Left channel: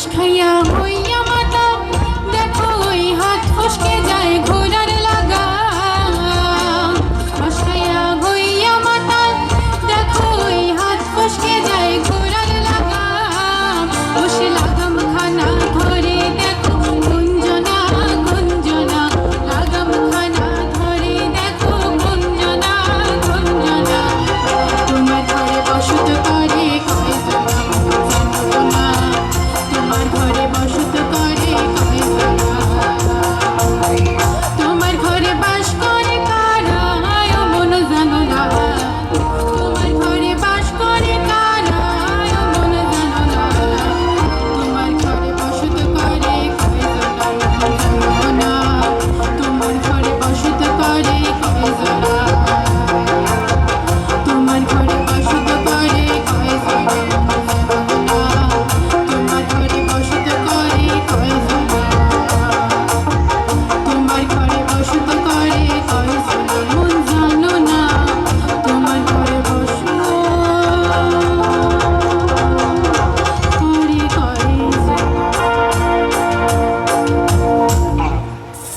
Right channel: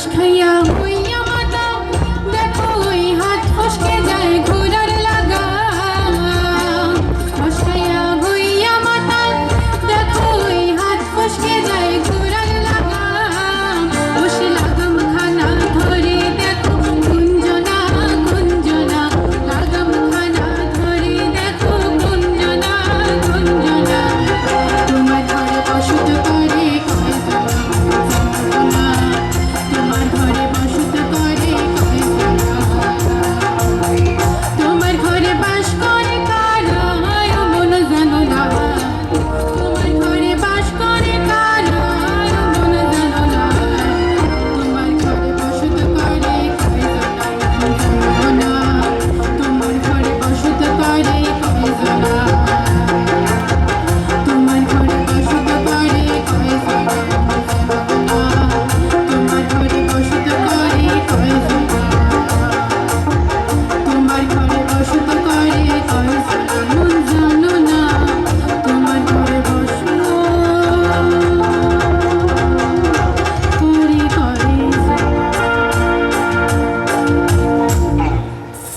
是看呀。